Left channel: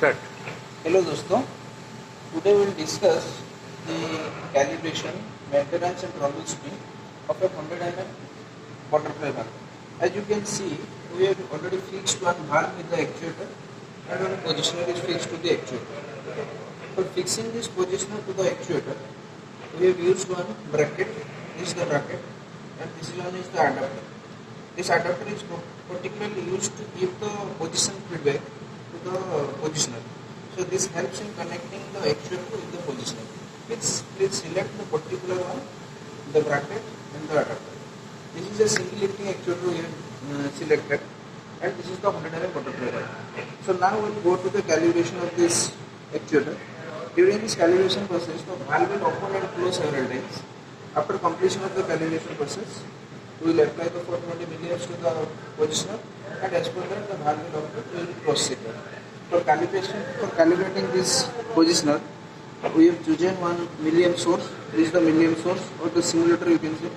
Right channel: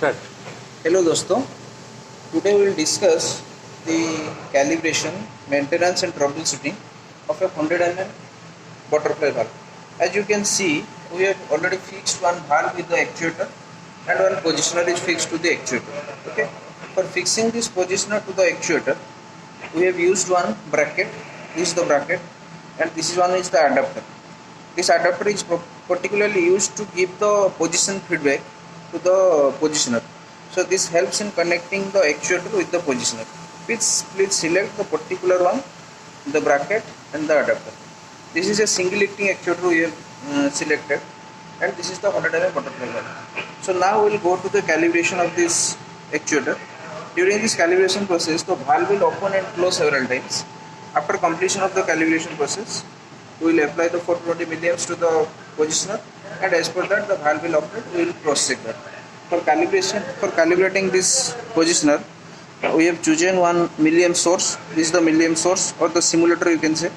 Start. Hello दोस्तों, today we will discuss the calibration, maintenance and troubleshooting of a 100 mm butterfly valve. As you can see, we have already fixed one valve with the actuator and one positioner is fixed to the actuator. Okay. For fixing this positioner to the actuator, we have used one bracket. This is the bracket, and this is one is the adapter. This adapter is particularly used to give the position feedback to the positioner. So this helps in connecting the actuator with the positioner. Please select the particular one, the bracket and the adapter. This is a single lifting actuator we have selected, and this is the 100 mm butterfly valve. So now we will go to the calibration of this actuator. During this calibration process, the valve will open and close several times. After completion of the calibration process, we will apply the 420 milliamps to the positioner, and as per that the valve will operate. We will cross check that. For calibrating this positioner, we have chosen one milliamp source. This is the milliamp source, or the simulator you can say.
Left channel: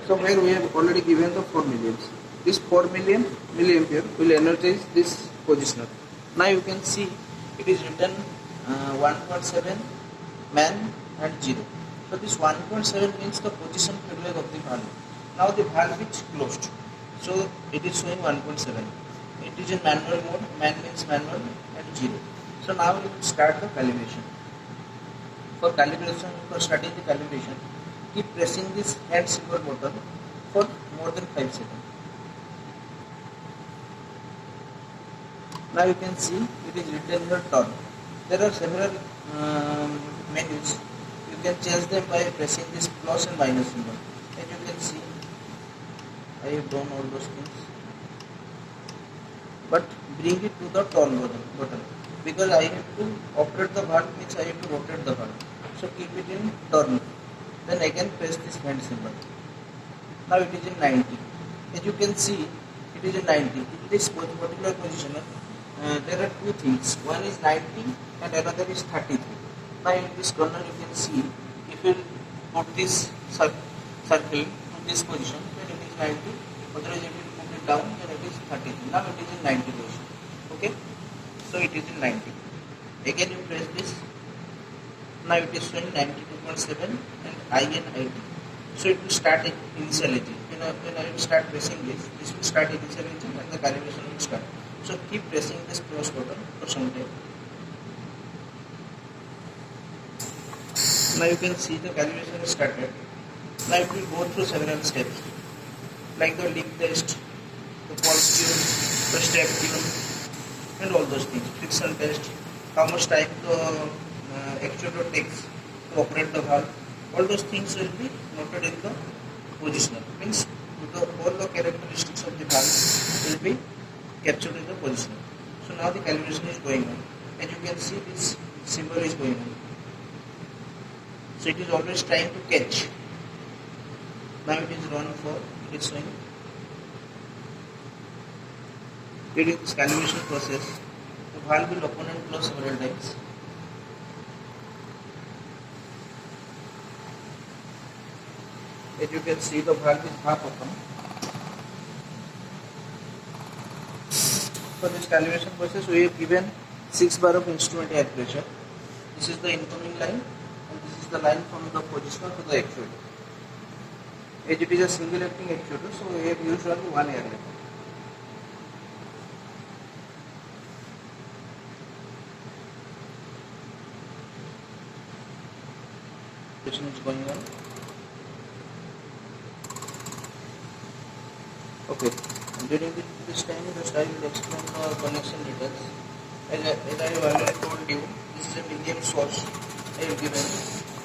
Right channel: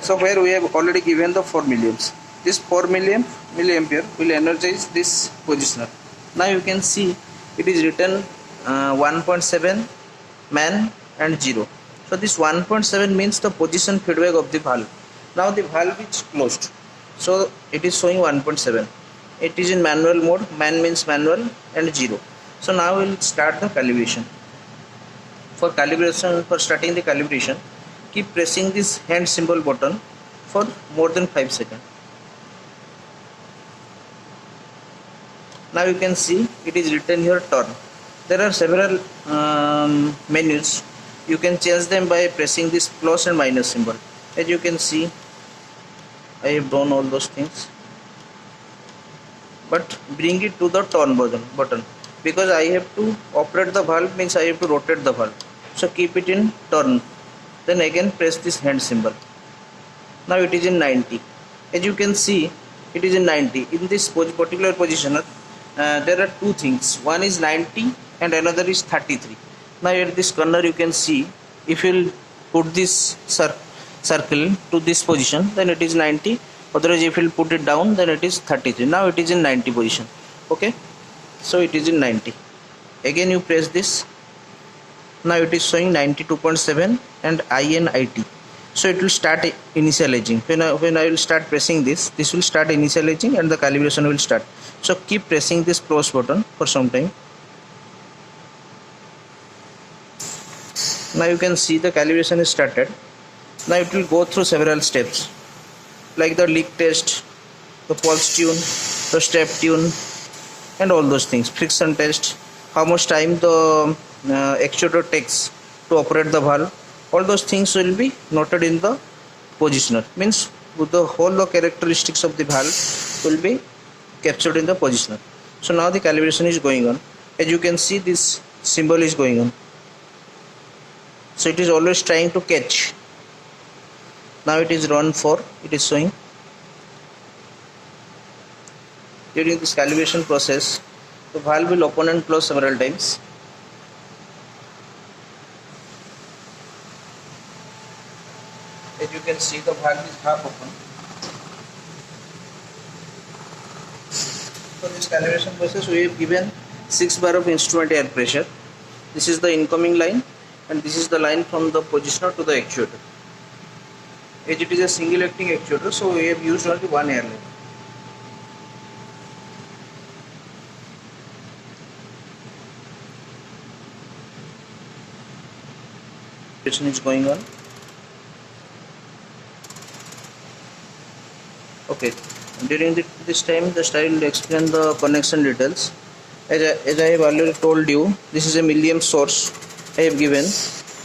So where we have already given the 4 milliamps. This 4 milliampere will energize this positioner. Now you can see it is written 1.7 man and 0. So this 1.7 means the position feedback of the valve. Now the valve is closed, so it is showing 1.7. It is in manual mode. Man means manual, and 0. So now we will start the calibration. For starting the calibration, keep pressing this hand symbol button for more than 5 seconds. Now you can see it is written here turn. There are several menus. You can change them by pressing this plus and minus symbol. As you can see, I have done all those things, but bring it to the turn button, because I have to operate the valve means I have to rotate the valve. So keep it in turn, then again press this hand symbol. Now it is in 90. As you can see, it is in 90. In this particular positioner, there are two things. One is 90 and another is 33. Now at this corner you can see, if you put this circle to this position, then it is 90. Otherwise if you put it down, then it is 33. Now it is in 90 position. Okay, so it is in 90. Again you press this. Now it is showing 92.7 and INIT. So it will start initializing. When I will start pressing this will start initializing and the calibration will start. So keep pressing this pause button for some time. Now you can see the calibration is started. Now it will go through several steps, like the leak test, the pulse tune, the step tune, and all those things. Friction test, how much time the actuator takes to operate the valve. All those things will be noted in the positioner. Means the whole characteristics of the valve will be captured in the positioner. So now the calibration is going on. As you can see, this symbol is going on. So it is always trying to catch. Now it is run 4. It is showing. During this calibration process, the valve will open and close several times. As you can see, the valve is half open. For this calibration process, we have given 6 bar of instrument air pressure. This is the incoming line, and this is the line from the positioner to the actuator. As it is a single acting actuator, so we have used only one air line. Is going on. Okay, during this time just I will explain the connection details. As I have already told you, this is a milliamp source I have given,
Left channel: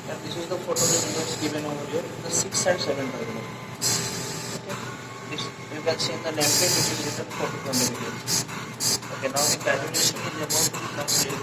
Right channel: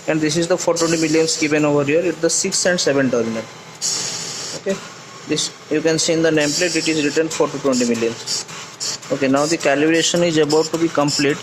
and this is the 420 milliamps given over here. It's the 6 and 7 terminal. Okay, this you can see in the nameplate, it is written 420 milliamps. Okay, now the calibration is about to be complete.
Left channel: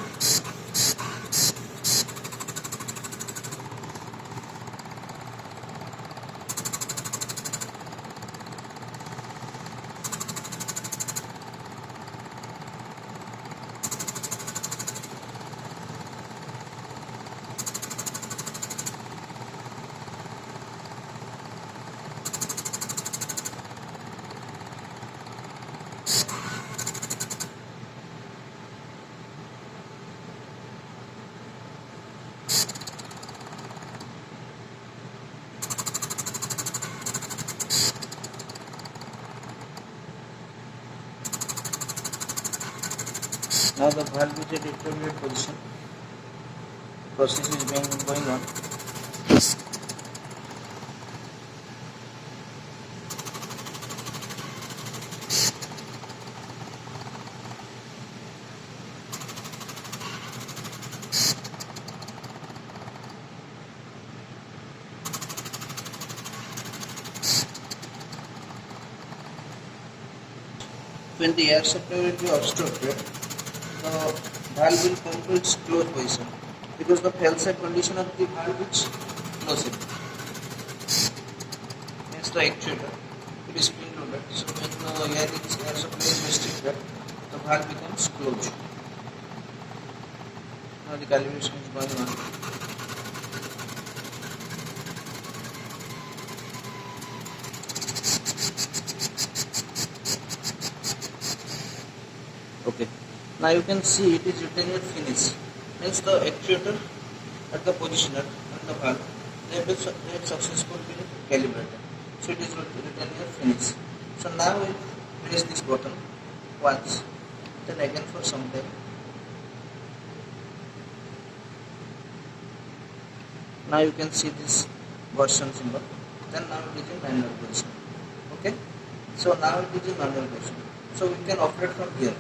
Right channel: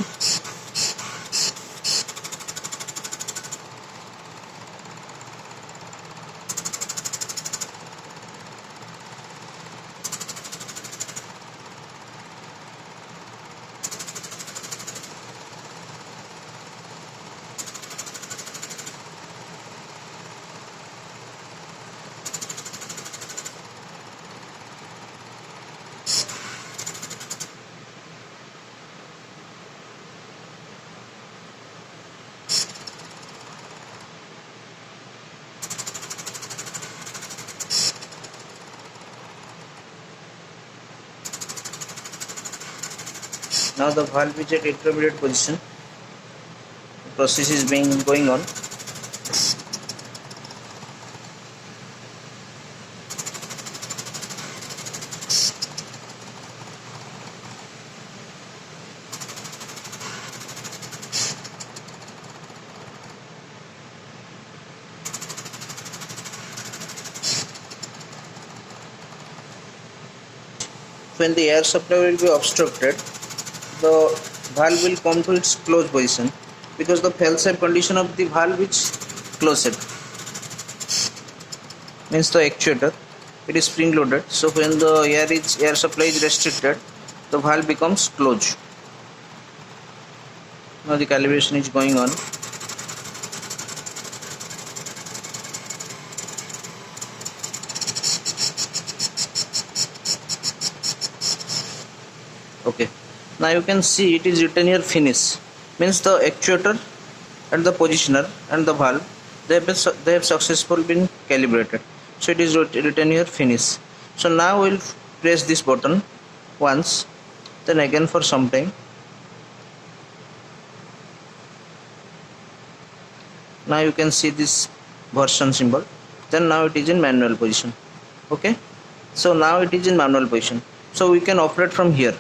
Now the valve is at intermediate position. The process is going on. When the air supply will be obstructed, the valve will come to its closed position because the fail-safe condition of the valve is closed. Means the actuator, it is spring loaded. So when the air supply is restricted, the valve becomes closed. Now the calibration is going on. Okay, now you can see it is written here finish. Means the actuator and the positioner and the valve, they have successfully been calibrated. So it is written here finish. So now we'll press this button once, then again for some time. Now you can see this version symbol. Then now it is in manual position. Okay, so now it is in manual position. So we can operate from here.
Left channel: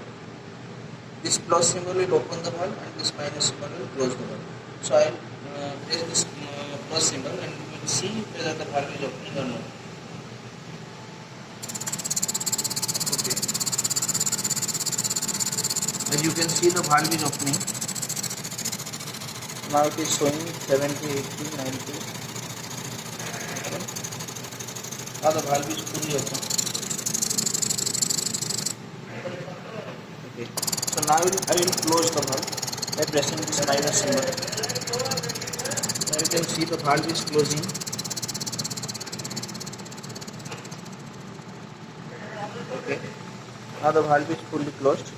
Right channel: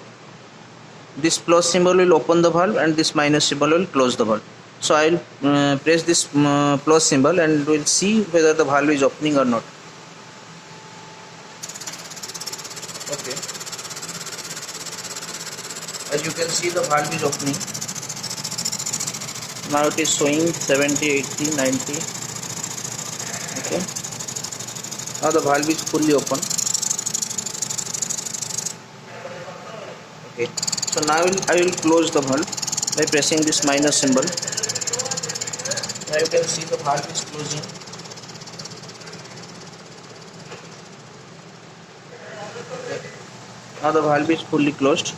This plus symbol will open the valve and this minus symbol will close the valve. So I will press this plus symbol and we will see whether the valve is opening or not. Okay, as you can see the valve is opening. Now it is showing 70, 80, 90. Okay, now the valve is fully open. Okay, so now I will close the valve by pressing this minus symbol. Now you can see the valve is closing. Okay, now the valve is fully closed.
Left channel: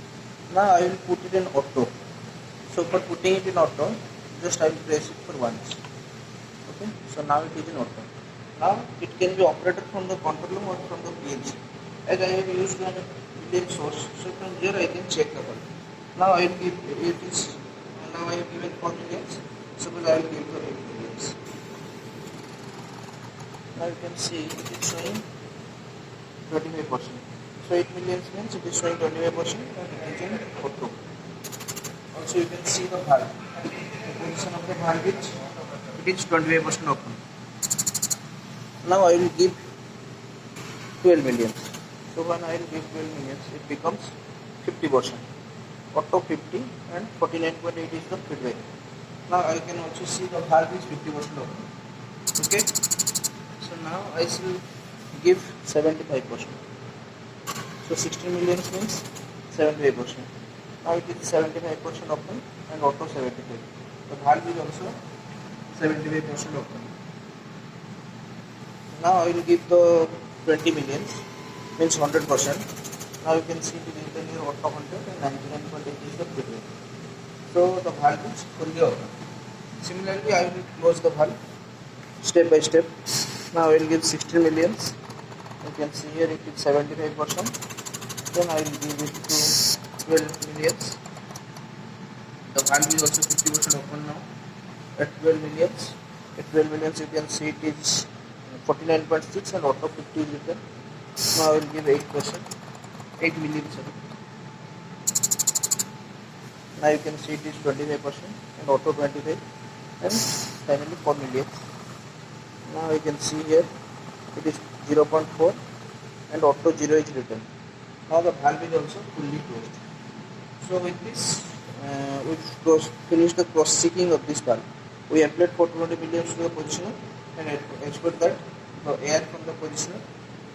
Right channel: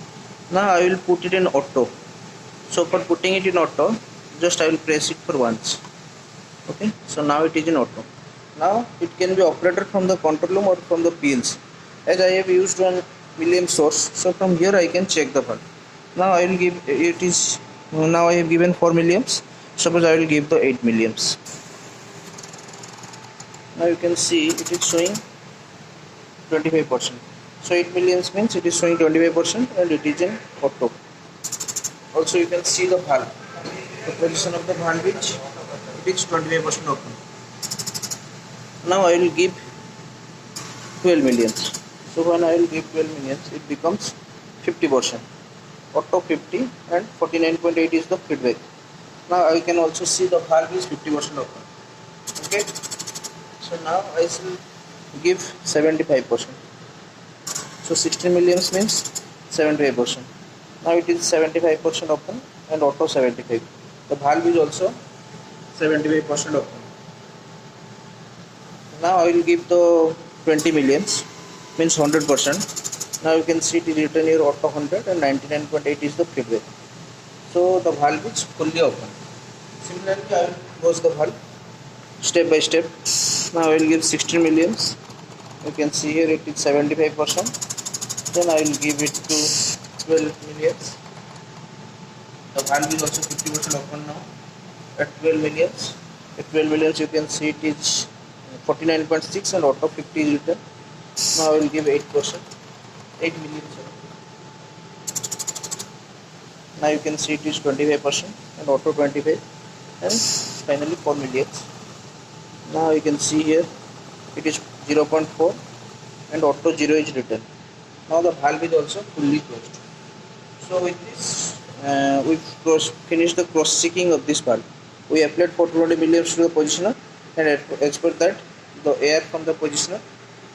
Now I will put it in auto. So for putting it in auto, just I will press it for once. Okay, so now it is in auto. Now it can be operated from the control room or from the PLC. As I have used one Williams source, so from here I can check the valve. Now I will give it is now I have given 4 milliamps. Suppose I will give the 8 milliamps. Now you can see it is showing 25%. So 8 milliamps means it is showing 25% and it is in auto. Also you can see the valve. The position of the valve is it is 25% open. Now I will give 12 milliamps. So when I will give 12 milliamps, it becomes 50%. Auto 50 and 49.8 is the feedback. Now I can also see the valve is 50% open. Okay. So now I will give 75%. So 16 milliamps means 75%. Now it is 75% open and auto 75. The valve is also 75% open. Now I will give the 20 milliamps means 100%. Now you can see it is written here auto 100 and 99.8 is the feedback. So the valve is fully open. Similarly I will close the valve step by step. Now I will give 16 milliamps. You can see here it is 75%. Then I will give it to 12 milliamps. The valve is also 50% open now at 12 milliamps. At 12 milliamps you can see it is 49.6 and auto 50 is written. Now I will give 8%, 8 milliamps. Now you can see it is 25% and auto 25 and finally 4 milliamps. Now you can see here it is 0.4 and auto 0 is written. Now the valve is also fully closed. So with this we finished the cross checking of this valve. We applied 420 milliamps to the positioner and as per that the air from the positioner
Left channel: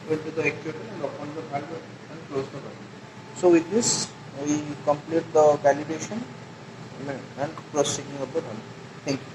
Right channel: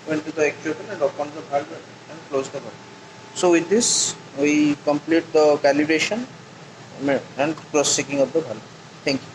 went to the actuator and opened the valve and closed the valve. So with this we complete the calibration and cross checking of the valve. Thank you.